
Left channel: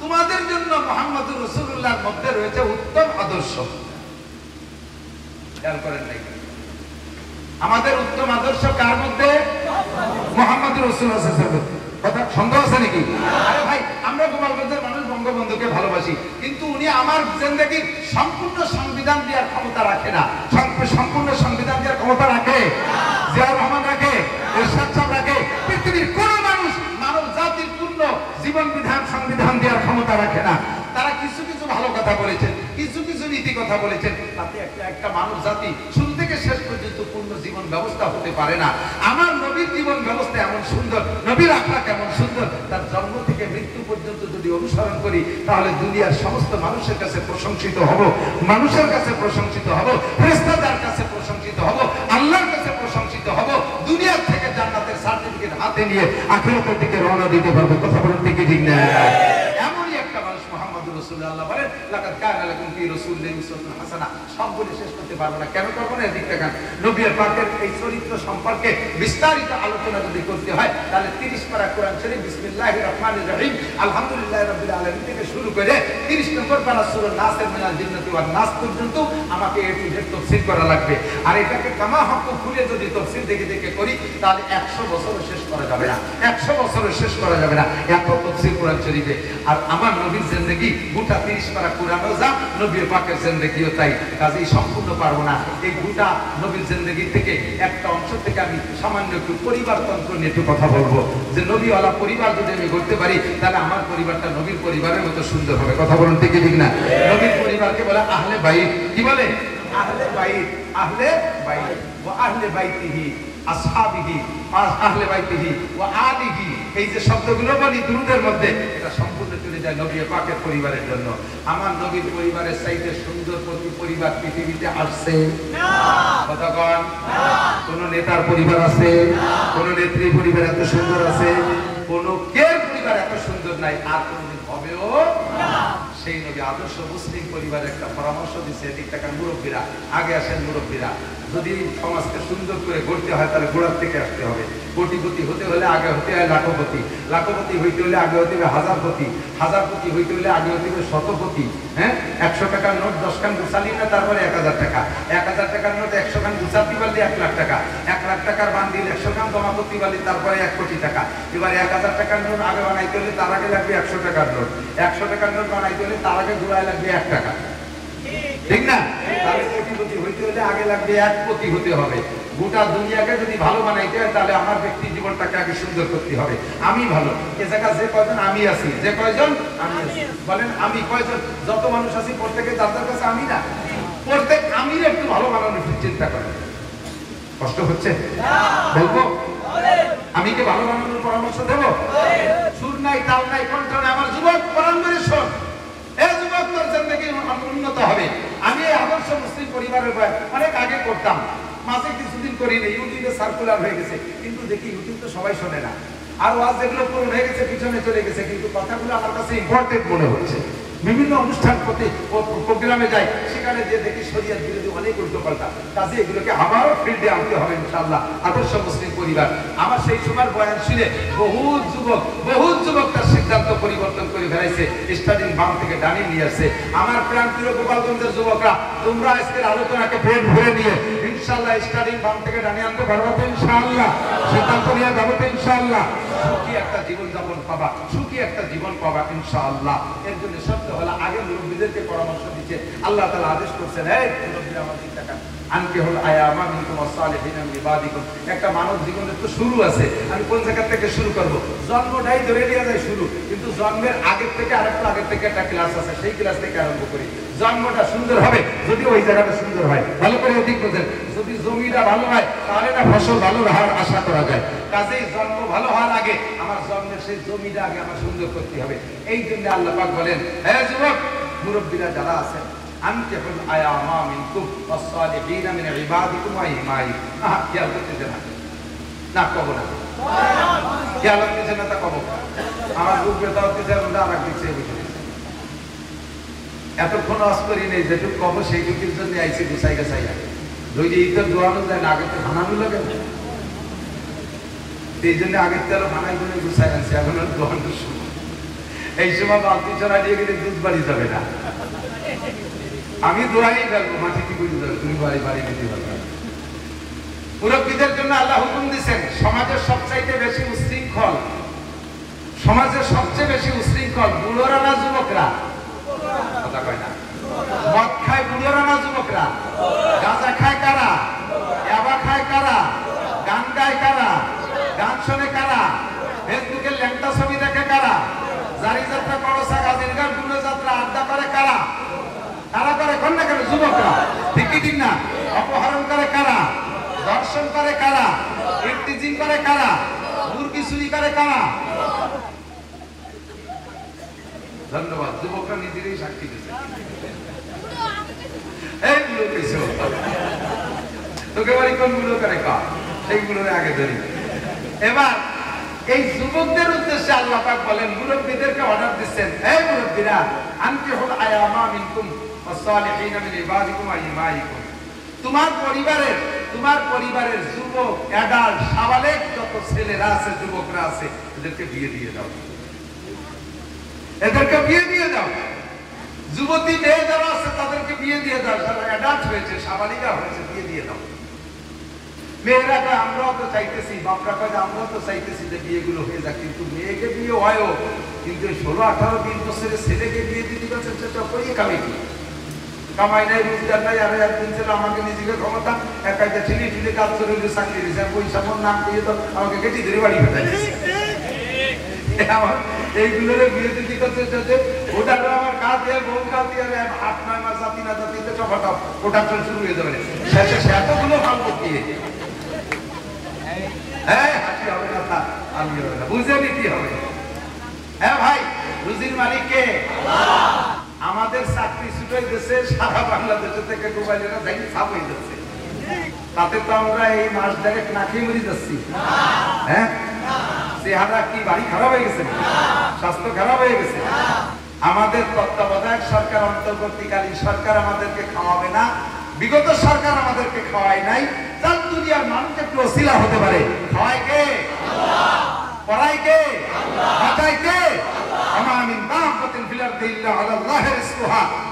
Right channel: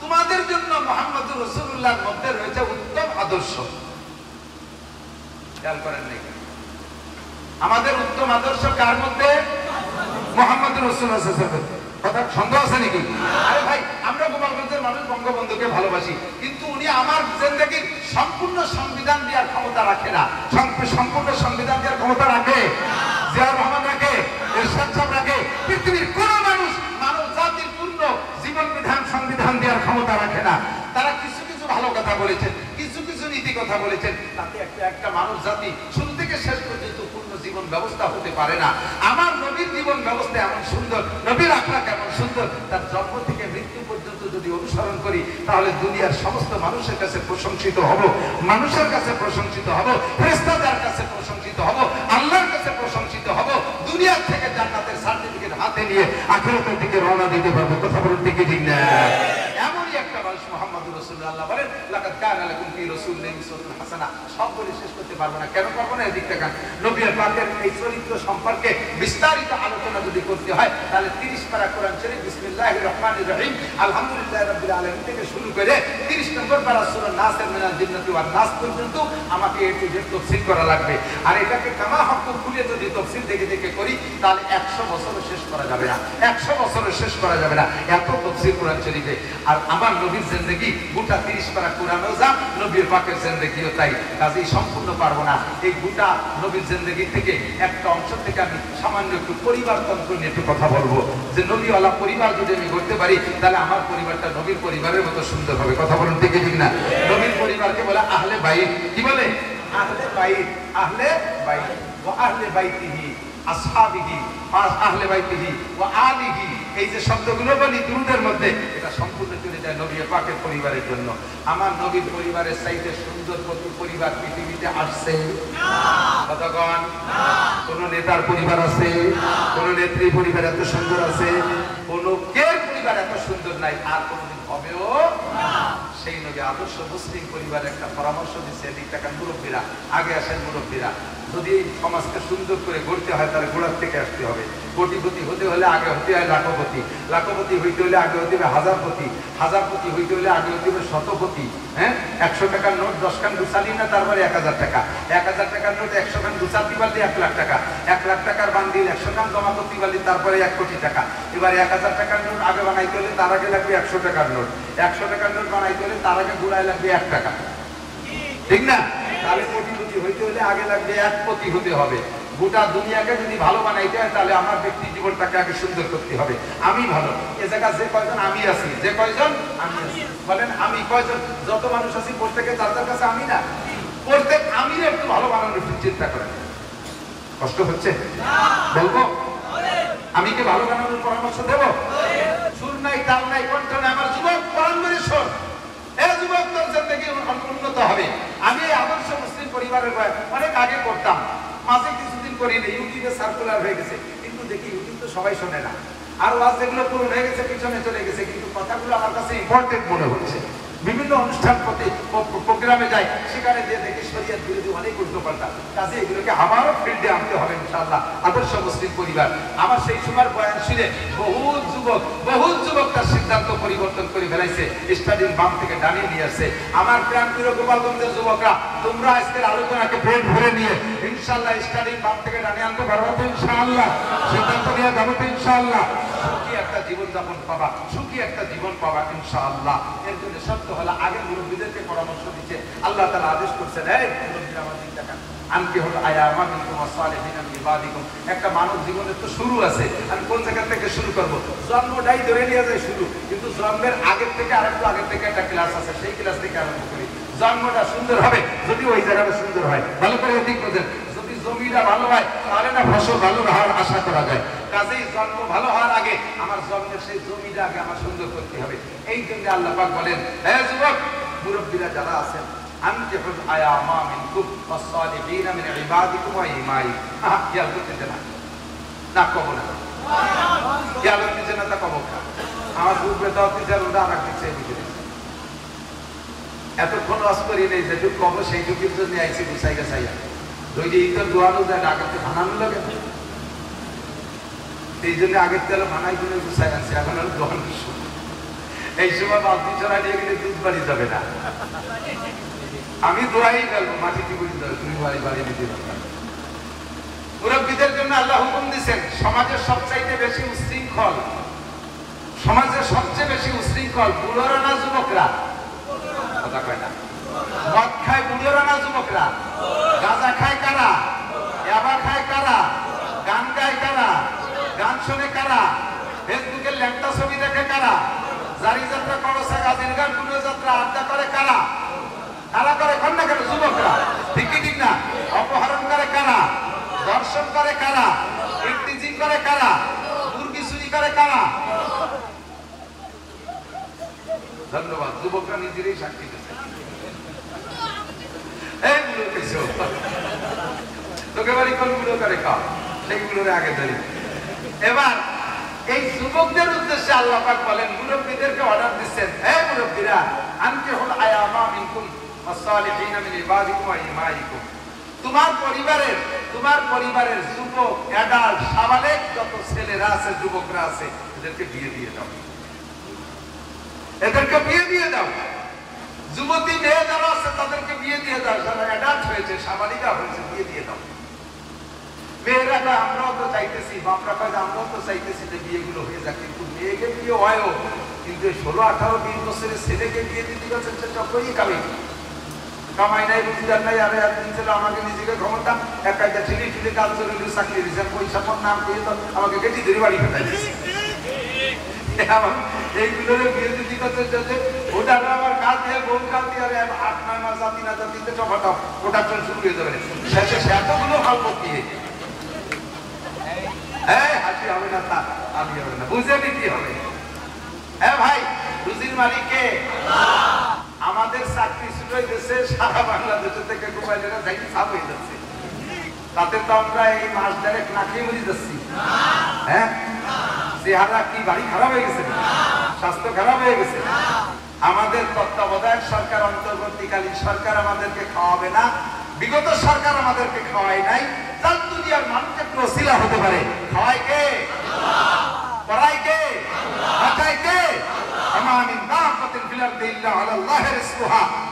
তোমাদের জন্য মুহাম্মদুর রাসূলুল্লাহর মধ্যে রয়েছে উত্তম আদর্শ। খেয়াল করেন নাই? আমাদের উত্তম আদর্শ কার মধ্যে? মুহাম্মদুর রাসূলুল্লাহ সাল্লাল্লাহু আলাইহি ওয়াসাল্লাম। কথা সন্দেহ আছে নাকি? আরে ভাই, আমরা গোপালগঞ্জের মানুষ বঙ্গবন্ধুকে ভালোবাসি, কিন্তু উনি আমার জিন্দেগির সম্পূর্ণ সংবিধান দেওয়ার ক্ষমতা রাখে না। সম্পূর্ণ সংবিধান দেওয়ার ক্ষমতা রাখে? জিয়াউর রহমান রাখে? এরশাদ সাহেব রাখে? পৃথিবীর কোন মানুষ মানব জাতির পূর্ণ জীবন বিধান সংবিধান দেওয়ার ক্ষমতা রাখে না। তারা কিছু কিছু ভালো কথা বলেছেন, কিছু কিছু নীতি কথা বলেছেন, তাতে একটা মানব জাতি শুরু থেকে শেষ পর্যন্ত পূর্ণ জীবন ব্যবস্থা হতে পারে না। আমার নবীর জীবন ব্যবস্থা এমন সুন্দর, নবীর আখলাক এমন সুন্দর, তার জন্ম থেকে মৃত্যু পর্যন্ত যদি অনুসরণ করি তাহলে দুনিয়ার সমস্ত মানুষের কাছে প্রশংসিত হব, মানুষের কাছে প্রশংসিত হব, ফেরেশতাদের কাছে প্রশংসিত হব, আল্লাহর কাছে প্রশংসিত হব। দুনিয়ার থেকে জান্নাতের সার্টিফিকেট হাতে নিয়ে আখিরাতের দিকে রওনা দিতে পারবো। কথা বলুন ঠিক কি ঠিক না? এমনই একটা মানুষ মুহাম্মদুর রাসূলুল্লাহ। আল্লাহ বলেন লাকাদ কানা লাকুম ফি রাসূলিল্লাহি উসওয়াতুন হাসানাহ। সব বলে শেষ করতে পারবো না। কেন পারবো না? এদিক থেকে নবী পাকের এই চরিত্র সম্পর্কে বিস্তারিত আলোচনা যদি করতে হয় তাহলে 30 পারা কোরআন শরীফ বিসমিল্লাহির রহমানির রহিম আলহামদুলিল্লাহি রাব্বিল আলামিন থেকে শুরু করে 30 নম্বর পারা সূরা নাসের মিনাল জিন্নাতি ওয়ান নাস পর্যন্ত আমাকে এ টু জেড তাফসীর করা লাগবে। আর এটাকে কামা হক খুলে যদি তাফসীর দেখে দেখে করি তাহলে 100 বছরও শেষ করা যাবে না, 100 বছরও শেষ করা যাবে না, এত তাফসীর কোরআন শরীফে। আর আমার নবীর জিন্দেগি গোটা 30 পারা কোরআনও যা, নবীর পাকের জিন্দেগিও তাই। কাজেই সম্পূর্ণ পারবো না। এই গোটা নবীর জিন্দেগি থেকে একটা অংশ থেকে আমি সামান্য একটু পরিবারতন্ত্র নিয়ে একটু কথা বলবো, যে নবীওয়ালা পরিবার যদি আমি করতে পারি তাহলে আমার পরিবারটা নবীর পরিবারের মতো সুন্দর হবে। কথা বলুন ঠিক ঠিক না? নবীর পরিবারকে বলে আহলে বাইত। কি বলে? আহলে বাইত, আহলে বাইত ওয়া আহলে বাইতিহি আসহাবিহি আহলে বাইতিহি ওয়া আলিহি। এই যে শব্দগুলো বলি দুরূদের মধ্যে, এটা সম্পূর্ণ চলে যায় নবীর পাকের পরিবারের জন্য। আমার নবীর পরিবারের চাইতে সুন্দর প্রতি পরিবার পৃথিবীতে আসছে না। কথা বল না। কোন নেতার পরিবার আছে? কোন নেত্রী পরিবার এত সুন্দর আছে? কোন কের পরিবার এত সুন্দর নাই, আর কোনদিন হবেও না। সেই নবী আদর্শ মুসলিম পরিবারের একটা পরামর্শ দিচ্ছে, এদিক টাকা মুরব্বীরা আগে আসেন। মুরব্বীরা যদি সমাজকে সুন্দর করে গড়তে হয় তাহলে গোড়ার থেকে আসতে হবে। কোটিপতি হতে হলে আগে হতে হয় লাখপতি, লাখপতি হইতে হলে আগে হতে হবে হাজারপতি, হাজারপতি হইতে হলে আগে হতে হবে শতপতি। হ্যাঁ, 100 টাকার নোট 10 খান গুছালি না তারপরে 1000 টাকা, 1000 টাকার নোট 100 খান গুছাতে পারলে 1 লাখ টাকা, 1 লাখ টাকার বান্ডিল 100 খান জমা করতে পারলে তারপরে 1 কোটি টাকা। এবার 1000 টাকার নোট আগে বানাইতে হলে তার আগে লাগবে 100 টাকার নোট, 100 টাকার নোট বানাইতে হলে তার আগে ঘুরায় লাগবে 1 টাকা। ঠিক না? তাহলে কোটিপতি হইতে হলে আগে লাগবে 1 কোটি হতে হবে। গোটা দুনিয়াকে যদি ভালো বানাইতে হয় তাহলে আমার ব্যক্তি জীবনটাকে আগে সুন্দর করতে হবে। আমি ভালো, এ জায়গায় যে কয়জন আমি আছি, যে কয়জন আমি আছি বলেন, আমি কয়জন? যত মানুষ আছি প্রত্যেকে যার কাছে আমি না, প্রত্যেক আমি একটু ভালো বানানোর চিন্তা করেন। কষ্ট হচ্ছে? বলবো আমি কি ভালো বানানোর পরামর্শ দেবো? সুর নাই, তাল নাই, কণ্ঠ নাই। আমার যুবক পালন করে শোন, এ যুবক তোর জিন্দেগি উন্নত হবে। আমি এই আদর্শ মুসলিম পরিবারের অনেক আগে করতাম, মাঝে কিছুদিন করি না, ইউটিউবে সার্কুলার হয়ে গেছে, কিন্তু দেখি ইউটিউব তো সবাই শোনে না। আর ওয়াজ যেগুলো পূরণ হয়ে গেছে পিছনে চলে গেছে, কিন্তু কথাগুলো আমার কাছে ইম্পর্টেন্ট মনে হচ্ছে। বিভিন্ন অনুষ্ঠান প্রোগ্রামে যাই, সেখানে যে দেখি শরীয়ত বিরোধী অনেক উল্টোপাল্টা, কাজে এগুলোকে আবারও ফিল্ডে আনতে হবে ইনশাআল্লাহ। আদর্শ মুসলিম পরিবার, আমার সেই সময় বয়ান শুনে বহু যুবক তার সিদ্ধান্ত পরিবর্তন করে ফেলাইছে, স্টাডিং বাম থেকে ডানিয়ে নিয়ে আসছে। আমার প্রাণপ্রিয় গোপালগঞ্জের যুবকরা, তোমরা আজকের আলোচনাকে পেট ভরে নিয়ে ইনশাআল্লাহ স্টাডিং বাম থেকে ডানিয়ে আনতে পারবো তো ইনশাআল্লাহ, সিদ্ধান্ত নিয়ে যাবো তো ইনশাআল্লাহ। সুখী একটা জীবনযাপন পাবা, সুখী একটা জীবন পাবা ইনশাআল্লাহ। এর জন্য সত্য হলো আগে মুরব্বীদেরকে পরামর্শ দিচ্ছে, আল্লাহ তাআলা আদেশ করছেন, এই মুরব্বীরা আমার দিক তাকান, আনকে হল আয়ামা মিনকুম ওয়াসালিহিনা মিন ইবাদিকুম। একটা মানব জীবনের তো শুরু আছে, আমি কোন জায়গা থেকে শুরু করব? জন্মটাই ধরে নিয়ে যায় শুরু, কিন্তু জন্মের আগের থেকে আরেকটু আগের থেকে একটা ক্লাস আছে, সেই ক্লাস থেকে আরম্ভ করি। জন্মটা সুন্দর হবে যদি ওই জায়গাটা সুন্দর হয়, ভালো করে অধিক বোঝেন। যদি জমিটা ভালো হয় তাহলে না ফসল ভালো হওয়ার আশা করা যায়। কাজেই জন্ম ভালো হওয়ার আগে আমার জন্মের সেই জমিটা আগে আমার সুন্দর করতে হবে। এই জন্য আল্লাহ পাক বলেন, হে যুবক মুরব্বীরা যারা আছেন, আনকিহুল আয়ামা মিনকুম ওয়াস-সালিহিনা মিন ইবাদিকুম ওয়া ইমাইকুম। খেয়াল করতেছে না কব না, খেয়াল করতেছে না তা কব। আমার বুঝবে তাও তিনটা রুন্দা আমার দিচ্ছে বুঝে দিচ্ছে। এতক্ষণ আজ করি নেই, যেটুকু কব সেইটুকুর জন্য আইসি গুছাই গেছাই। ওই যে ঈদের দোয়ানো যায় না, আগে তো বানানো লাগে না, এই জন্য আগের তেল বানাই করে গুছাই গেছে। এখন আর দোয়ানো শুরু, এই সময় বালতি চড়া দিয়ে গেলে দুধ বাড়ি যাবে না। আমি দোয়াই ফেলবো, মাটিতে বুঝে যাবে, তুমি বাড়ি বাড়ি দিতে পারবে। মুরব্বীদের জন্য আল্লাহ হুকুম দিচ্ছেন, সমাজের সবচাইতে বেশি উশৃঙ্খল, সমাজের সবচেয়ে বেশি উশৃঙ্খল বুড়োরা না যুবকরা? কথা কয় না। মদ খায় বুড়োরা না যুবকরা? গাঁজা খায় কারা? ইয়াবা খায় কারা? গান গায় কারা? গান শোনে কারা? ফেসবুকে ল্যাংটা ছবি দেখে কারা? জারি যাত্রা, করসা, গাজির গান, পুরো যাত্রা, আড্ডা করে কারা? কারা করে? কোন না কেন? যুবকরা। ঠিক কি ঠিক না? অপহরণ করে কারা? দর্শন করে কারা? ইফতিজিং করে কারা? মুরগি চুরি করে কারা? ধন্যবাদ, যুবকরা নিজেরই সাক্ষী দিচ্ছে। এইগুলো কিছু তোকে বাড়ি কোনগুলো করে কা, সেইগুলোর আগে ধরি। এবার এই যুবকদের উদ্দেশ্যে আল্লাহ পাক বলেন, মুরব্বীদেরকে অর্ডার দিচ্ছেন, এই মুরব্বীরা, আনকিহুল আয়ামা মিনকুম ওয়াস-সালিহিনা মিন ইবাদিকুম ওয়া ইমাইকুম। তোমার পরিবারের যুবক, অ্যাডাল্ট, সাবালেক যত ছেলেরা আছে, যুবকরা আছে, এদেরকে বিয়ে দিয়ে দাও, এদেরকে বিয়ে দিয়ে দাও। যুবতী মেয়ে যারা আছে তাদেরকে বিয়ে দিয়ে দাও, যারা অ্যাডাল্ট হয়েছে, সাবালিকা হয়েছে, বিয়ে দিয়ে দাও। মেয়েরা কয় আমরাও তো চাইতেছি, বাপরা কয় আমরাও তো চাইতেছি যে বিয়েগুলো হয়ে যাক, কিন্তু মেয়েকে বিয়ে হয়ও, কিন্তু 16, 18, 20 বছরের ছেলেকে বিয়ে দিতে কামাই কামাই নাই, রোজগার নাই। আর একদিন ছিল আমাকে নিজেকে ক্ষমতা একটা ঠেলি ঠেলি কাজ করে চাকরি দিয়েছে, পয়সা মন নাম করে তো আমাকে কেটে ধরে বাড়ি ফেলে দিয়েছে। এইগুলো বিয়ে দিতে করতে ওটা আমার কাজ দিয়ে বউ কাজ দিয়ে 8-9 মাস জাতি না জাতিতে সবাটাও ওটা চল শুরু হয়ে যাবে। শেষে সে এতগুলো ভালো দিয়ে হাসি হবে না, তা আমি হবে না, বুঝে নিতে হবে। হ্যাঁ ভাই, রুজির মালিক কে? আমাদের চাকরি ছুটে গেছে সারা বাংলাদেশ থেকে, মোবাইলেরা দেখি ছাপ হয়ে যাচ্ছে, তাতে তো আমরা এই মাস দেড়েক না খেয়ে মরে যাচ্ছি। হ্যাঁ, চেহারা কি বাড়ি খারাপ হয়ে গেছে, স্বাস্থ্য খারাপ হয়ে গেছে। আমাদের তত্ত্বাবধায়ক সরকার, অন্তর্বর্তীকালীন সরকার আমাদেরকে খাওয়াবে না, বিগত সরকার আমাদেরকে খাওয়ায় নাই। যার দুনিয়ার মানুষ একটু ওসিলা হতে পারে, খাওয়ায় কে? পড়ায় কে? বাঁচায় কে?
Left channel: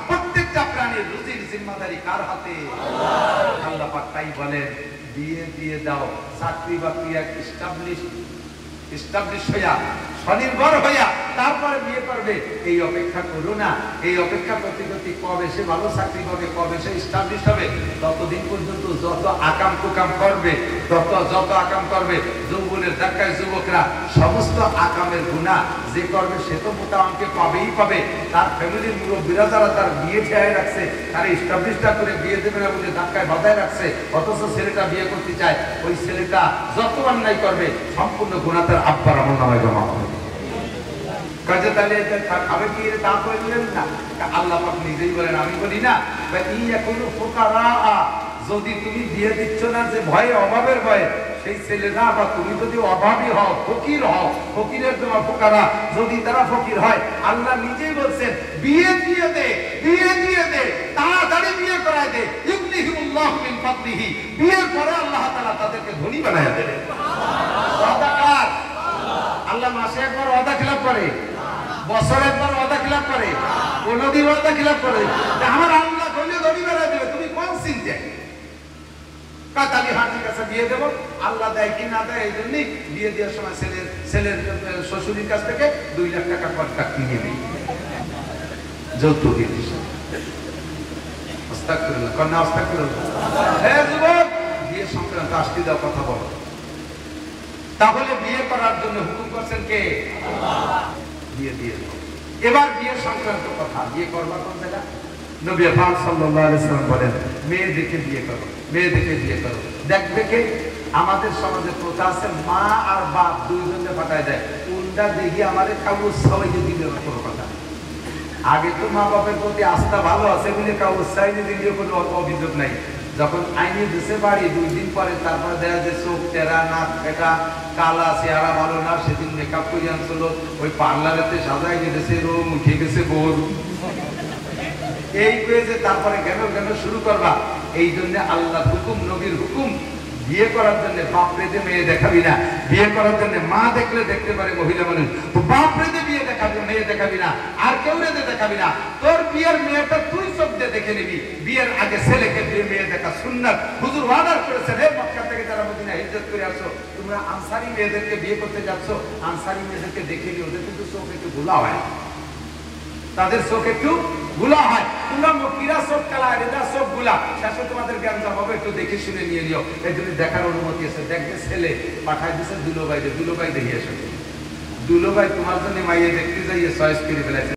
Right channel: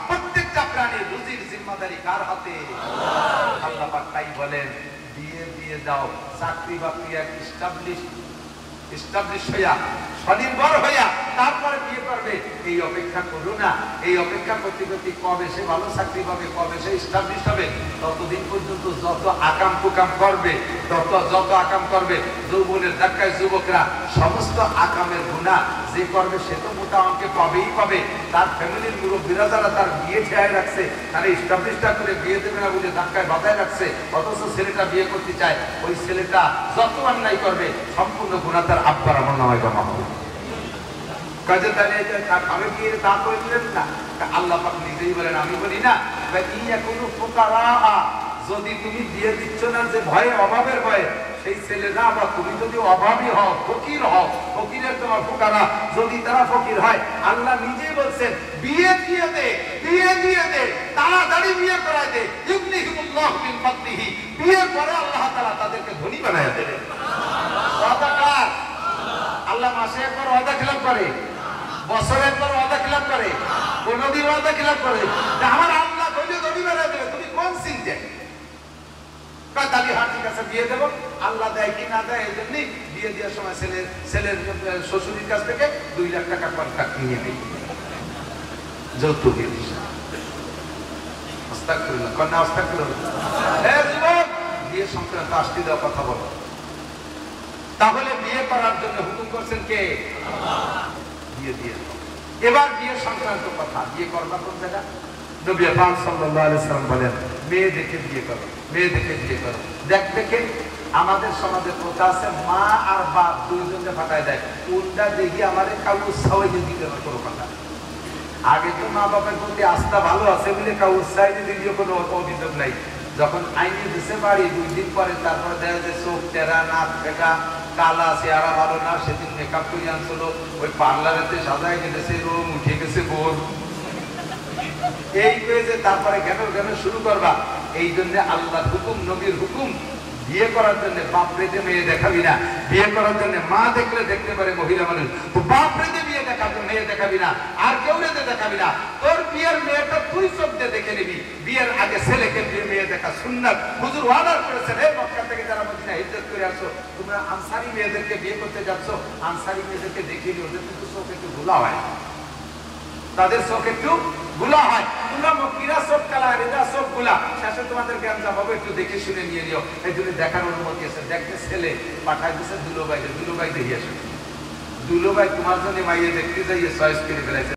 প্রত্যেকটা প্রাণীর রুজির জিম্মাদারি কার হাতে? আল্লাহ পাক তাই বলেন, বিয়ে দিয়ে দাও, চাকরি বাকরি এস্টাবলিশ হইয়া, স্বনির্ভর হইয়া তারপরে বিয়ে করবে, এই অপেক্ষা করো না। এই অপেক্ষা করতে করতে কবে সে ভালো চাকরি পাবে, কবে সে এস্টাবলিশ হবে, ততদিন পর্যন্ত যত আকাম কুকাম করবে, যত আকাম করবে, যৌবনের ধাক্কায় যুবকরা সমস্ত আকামের গুনাহ যে করবে সে তো মোটা অঙ্কে পাবেই পাবে। তার ফ্যামিলির মুরব্বীরা যারা তার বিয়ে ঠেয়ায় রাখছে, তারা এস্টাবলিশটা করে বিয়ে দেবে না বলে ধাক্কায় বাধায় রাখছে, অথচ ছেলেটা বিয়ে করতে চায়, ওই ছেলেটা যত অন্যায় করবে সম্পূর্ণ গুনাহ তার আব্বার আমল নামায় জমা হবে। কাজে তাহলে খাবে কি তা করে দিলেন না? আল্লাহ পাক নিজেই বলেন, আমি বলি না, ইয়া কোন ফুকারা, যদি তুমি বিয়ে দিচ্ছ না যে ভয়ে, অভাবের ভয়ে, সেই ছেলেরা বা তুমি যদি অভাবী হও, ফকির হও, ফকিরের তোমার ফোকারা যদি তারা ফকির হয়, আল্লাহ নিজেই বলছেন বিয়ে দিয়ে দে, বিয়ে দিয়ে দে, তাড়াতাড়ি বিয়ে করায় দে। ইউগনিহিমুল্লাহু মিন ফাদলিহি, বিয়ের পরে আল্লাহ তাআলা তাদেরকে ধনী বানায় দেবে। ওয়াদা কার? আল্লাহ মাসে একবার ওয়াদা খিলাফ করে, বছরে একবার ওয়াদা খিলাফ করে, কোনদিন ওয়াদা খিলাফ করে? আমার আল্লাহ ধনী ধনী বানায় দেবে, তুমি কোন চিন্তা? কাতালি হাতির কাছে বিয়ে দেবো, আল্লাহ দেয় কি না দেয়, এই জন্যই বিয়ে দেওয়ার সময় ছেলের শ্বশুরের কাছ থেকে 2 লাখ টাকা কন্ট্রাক্ট নিয়ে নেই, যৌতুকের হিসাবে। আস্তাগফিরুল্লাহ, কন্যা আস্তাগফিরুল্লাহ। যুবক, বিয়ে সংক্রান্ত আজকে দাও কথা বলো। তাহলে বিয়ে করার জন্য হুকুম করছেন কে? আল্লাহ। বিয়ে দিয়ে দাও। এবার বিয়ে সংক্রান্ত কথা, বিয়ে করবা কোন জায়গা? নবী পাক সাল্লাল্লাহু আলাইহি ওয়াসাল্লাম বলেন মেয়ে দেখে বিয়ে করো, মেয়ে দেখে বিয়ে করো। দেখবে কে? আমাদের সমাজে প্রথা আছে মা আর বাপ দুইজনে ফাটায় দেয়, উল্টা দেখি আমাদের কাউ সবাই দিল না কোনো কথা। আগে তো মা বাপের প্রতি আস্থা ভালো আছে বলে কাউ উৎসাহিত দিলেও কোনো অভিযোগ নাই। যখন আইনে দেশে বাড়ি 2 দিন পরে তারপর দেখা যায় চোখ টেরা, নাক কাটা, কালা, চেহারা ভালো না, সেদিন মেকআপ করে আনছিল, ওই পার্লারেতে সাজাই গেছে, রুম উঠে গেছে গোর, এই পেয়েছে তারপরে জ্ঞান শুরু করবা। এই জন্য আল্লাহ হুকুম, নবীর হুকুম, বিয়ে করার জন্য বাপ রেতে মেয়ে দেখাবি না, বিয়ে করার জন্য মা দেখলে দেখতে পারে মহিলা মানুষ, তো বাপ রেতে বিয়ে দেখাবি, মেয়ে দেখাবি না, আর কেউ রেতে দেখাবি না। তোর বিয়ের মেয়েটা তুই চোখ দিয়ে দেখে নিবি। বিয়ের আগে ছেলেকে দিয়ে মেয়ে দেখা সুন্নাত। হুজুর অর্ডার করেছেন, হে মক্কা থেকে যারা মদিনা হিজরত করে আসো, তোমরা আনসারী মেয়েদেরকে বিয়ে করতে যাচ্ছ, আনসারী মেয়েদেরকে দেখে নিও, ওদের কিন্তু চোখ একটু ঘোলা হয়, তাদের চোখ একটু গুলা হয়। তোমরা মক্কিরা চোখ কালা, রেজা চোখ গুলা, শেষে তোমাদের জ্ঞান যাবে, একটু দেখে শুনে নিয়ে নিও। এই জন্য দেখার অনুমতি আছে। দেখবে ছেলে পাঠাই দিচ্ছে দুলোবাই দেখে এসো, দুলোবাই তোমার জন্য মাইয়ে দেখতে যাইয়ে চয়েস করে ফেলেছে।